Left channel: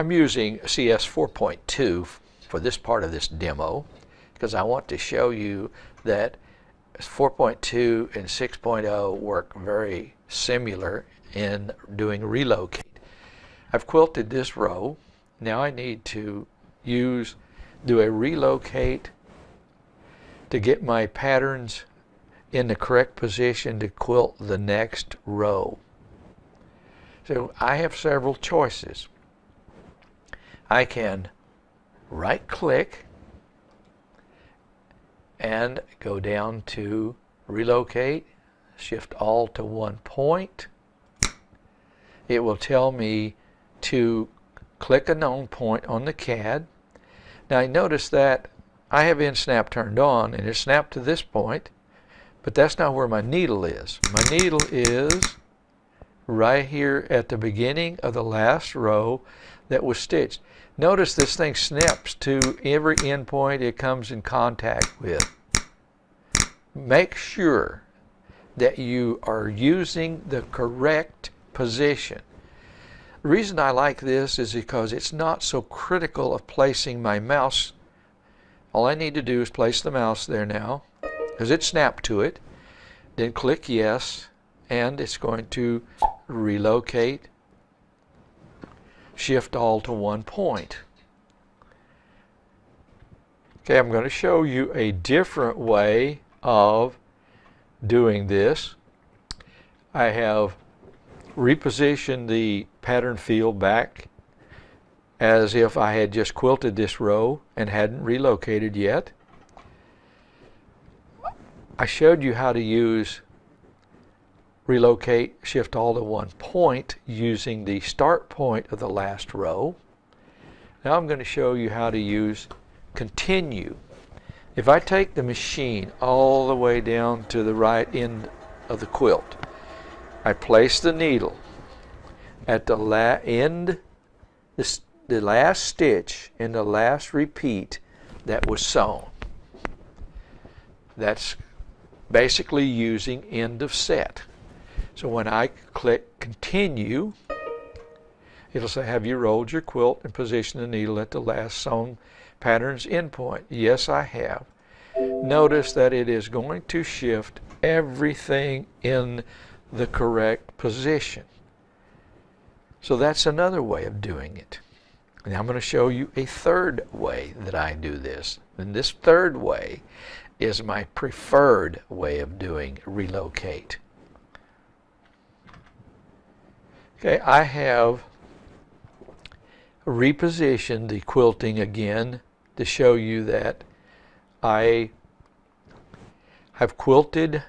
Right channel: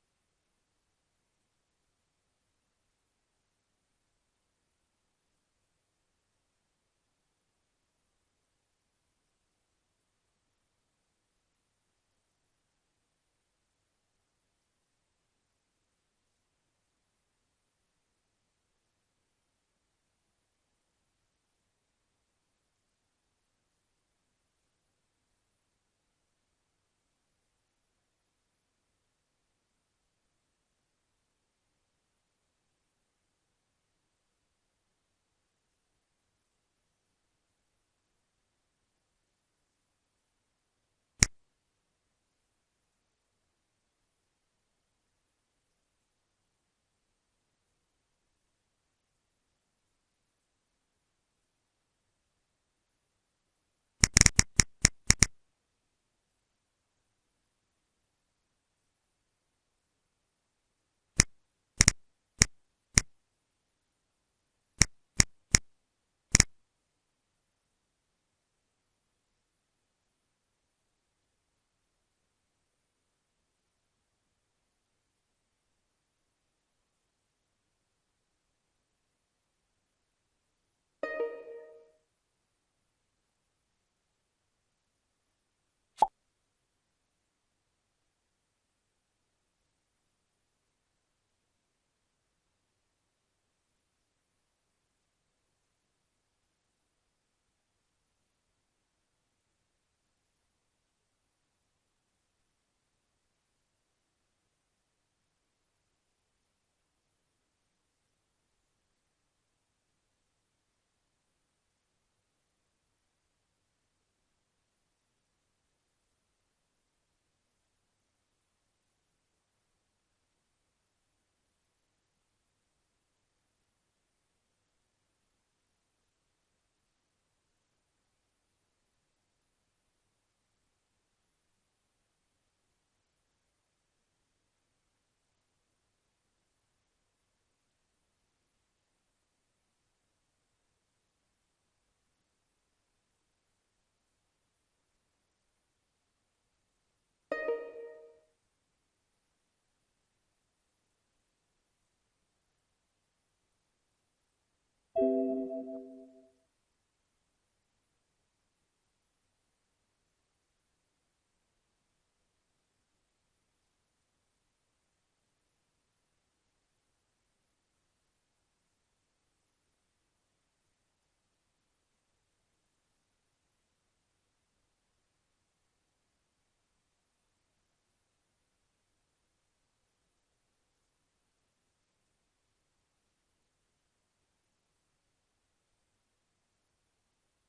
I'm using CS 4.2 for this part of this demo because I want to show you that 4.2 and 6.0 work very similar in doing relocate. I've quilted this row. Now I need to do a relocate to get my patterns in the correct position to quilt the next row. So I have several choices. I can right click and go down to relocate, shift all to one point. It will tell me to click a known point on the CAD. Now I notice that I have end snap turned on and it's snapped to this point, but that's not where my needle is. My needle is right here at the beginning of the last row that was stitched. Notice this thing snaps to every end point it comes in contact with. Make sure that you are using the correct position. The reason I like this is because it's not so critical of placing my mouse. All I need to do is place the mouse there now, because it snapped to it. Then click yes, and it's going to relocate, shift all to one point. Okay, I'm going to show you a different way of doing this. I have repositioned the pattern field back as if I had just quilted this row and hadn't relocated yet. I showed you how to use relocate, shift all to one point using the start point of the last row. Now I'm going to show you how to use continue. If I take the machine all the way down to the right end of the quilt, I place the needle at the the last stitch in the last repeat that was sewn. That's basically using end of set. So when I click continue, it'll say, have you rolled your quilt and positioned the needle at the last sewn pattern's endpoint? Yes, I have. Notice that it is going to shift everything in the correct position. So that's another way of doing it. Now I'm going to show you a third way that I do this. And this third way is my preferred way of doing relocate. Okay, I have repositioned the quilting again to show you that I have quilted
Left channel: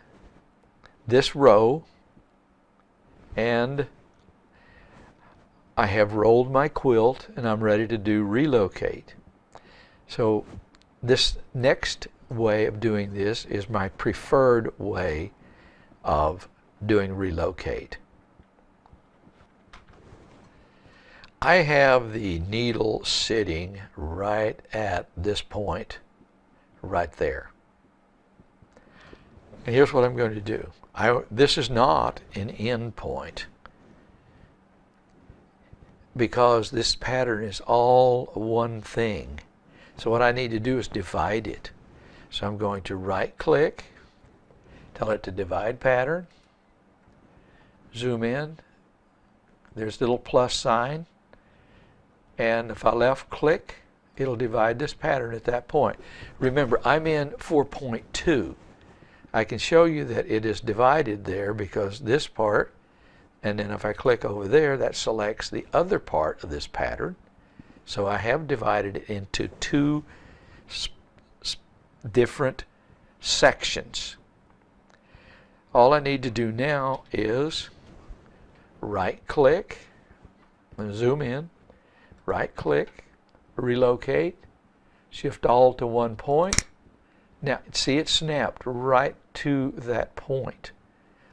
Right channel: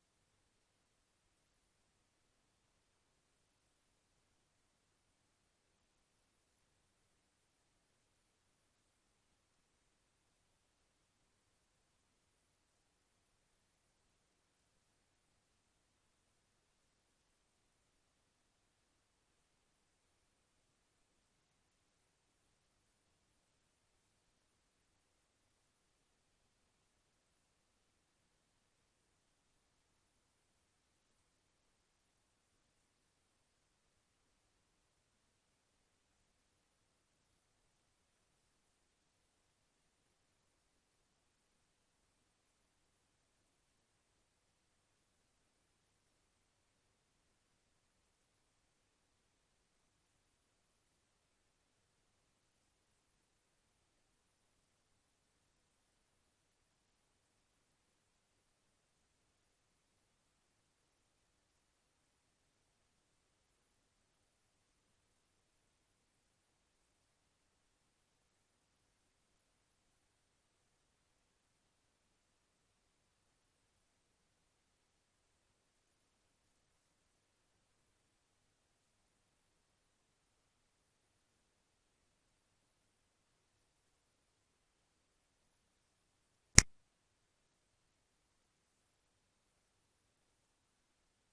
this row and I have rolled my quilt and I'm ready to do relocate. So this next way of doing this is my preferred way of doing relocate. I have the needle sitting right at this point, right there. And here's what I'm going to do. This is not an end point, because this pattern is all one thing. So what I need to do is divide it. So I'm going to right click, tell it to divide pattern, zoom in, there's the little plus sign, and if I left click, it'll divide this pattern at that point. Remember, I'm in 4.2. I can show you that it is divided there because this part, and then if I click over there, that selects the other part of this pattern. So I have divided it into two different sections. All I need to do now is right click, and zoom in, right click, relocate, shift all to one point. Now see, it snapped right to that point.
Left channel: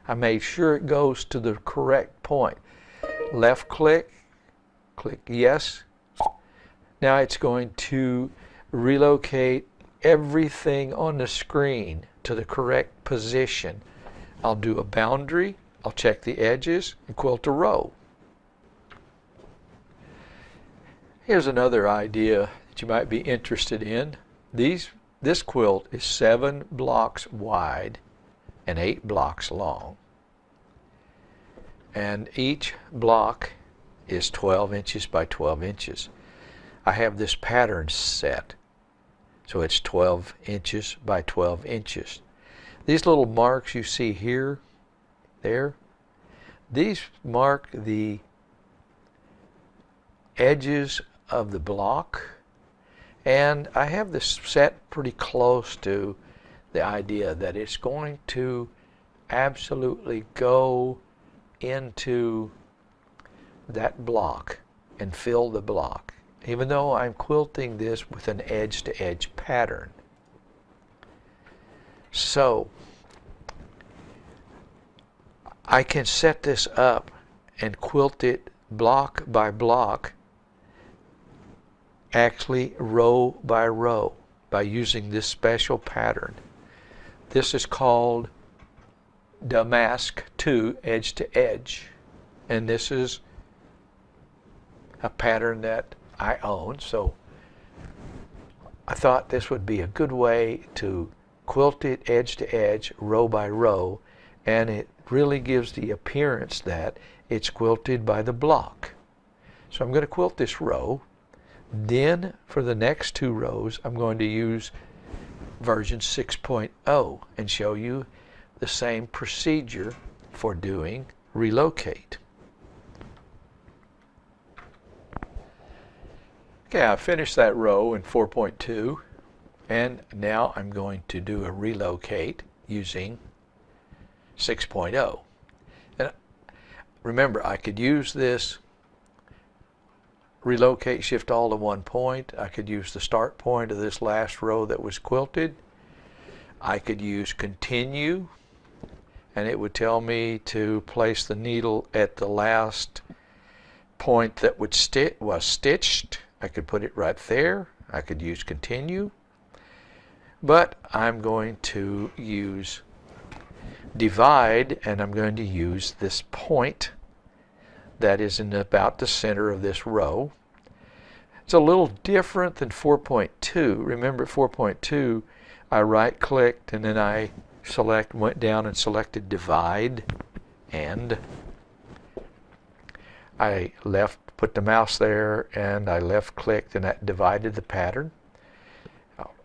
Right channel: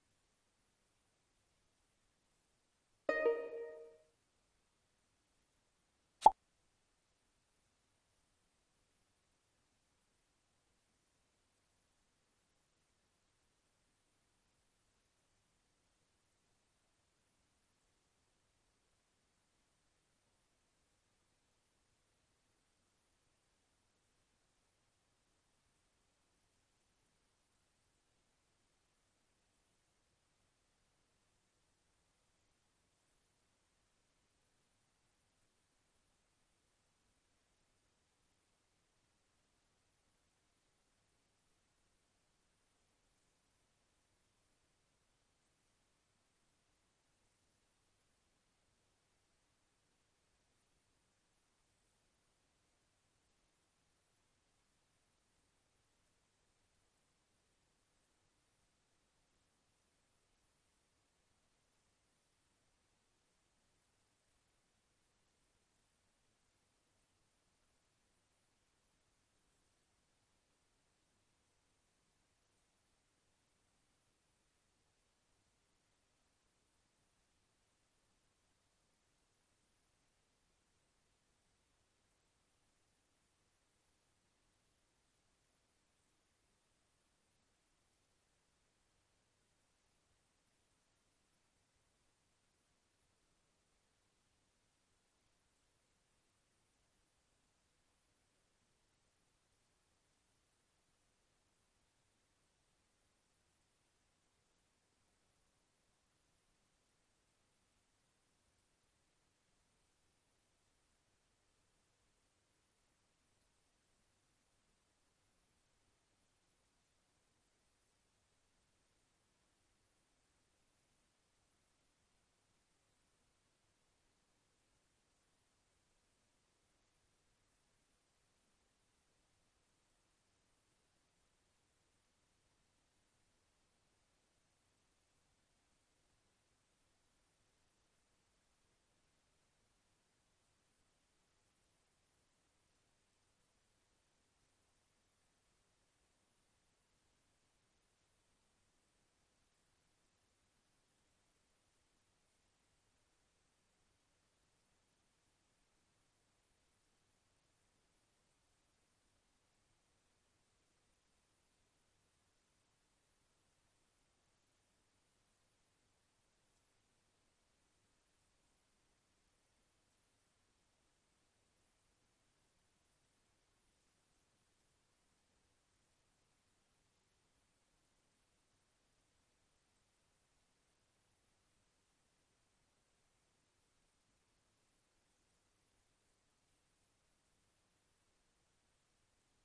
I made sure it goes to the correct point. Left click, click yes. Now it's going to relocate everything on the screen to the correct position. I'll do a boundary, I'll check the edges, and quilt a row. Here's another idea that you might be interested in. This quilt is 7 blocks wide and 8 blocks long. And each block is 12 inches by 12 inches. I have this pattern set, so it's 12 inches by 12 inches. These little marks you see here, there, these mark the edges of the block, and I have this set pretty close to the idea that it's going to absolutely go into that block and fill the block, even though I'm quilting this with an edge-to-edge pattern. So I can set this up and quilt it block by block, actually row by row, by using this special pattern. This is called damask 2 edge to edge, and this is a pattern that I own, so I thought this would be a good way to quilt it edge to edge, row by row, and it really gives the appearance that it's quilted by the block. So I'm going to quilt this row. Then for the next 2 rows I'm going to use version 6.0 and show you the same procedure for doing Relocate. Okay, I finished that row in 4.2, and now I'm going to do a Relocate using 6.0. And remember, I could use this Relocate shift all to one point. I could use the start point of this last row that was quilted. I could use continue, and it would tell me to place the needle at the last point that was stitched. I could put it right there. I could use continue, but I'm going to use divide, and I'm going to use this point that is in about the center of this row. It's a little different than 4.2. Remember, 4.2, I right-clicked and then I went down and selected divide, and I put the mouse there, and I left-clicked, and that divided the pattern.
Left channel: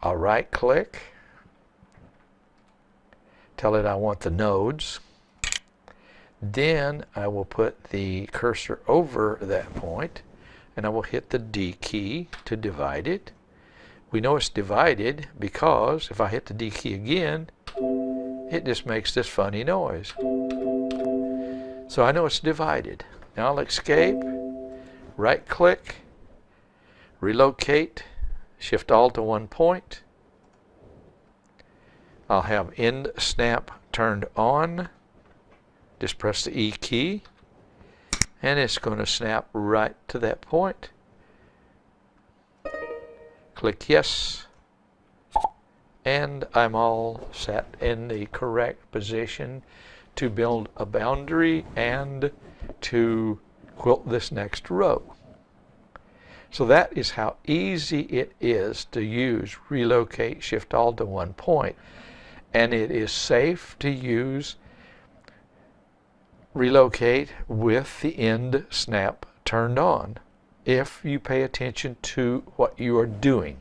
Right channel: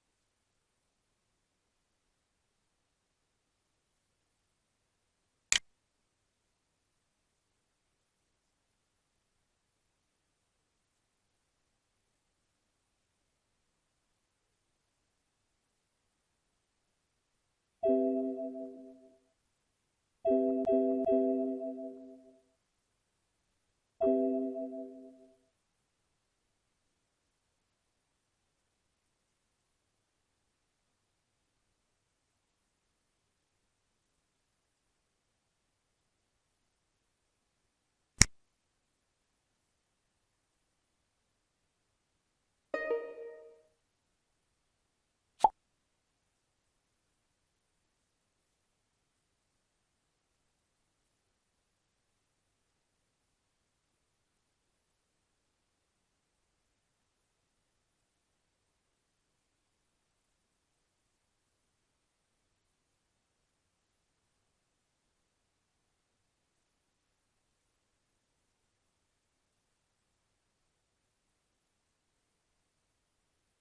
I'll right-click, tell it I want the nodes. Then I will put the cursor over that point, and I will hit the D key to divide it. We know it's divided because if I hit the D key again, it just makes this funny noise. So I know it's divided. Now I'll escape, right click, relocate, shift all to one point. I'll have end snap turned on. Just press the E key, and it's going to snap right to that point. Click yes, and I'm all set in the correct position to build a boundary and to quilt this next row. So that is how easy it is to use Relocate Shift All to one point, and it is safe to use Relocate with the end snap turned on if you pay attention to what you are doing.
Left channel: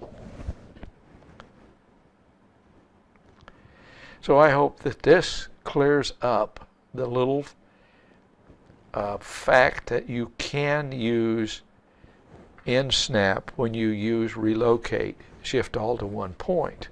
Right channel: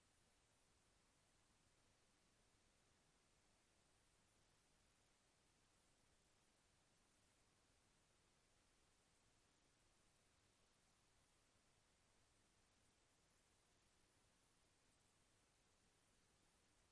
So I hope that this clears up the little fact that you can use end snap when you use Relocate Shift All to one point.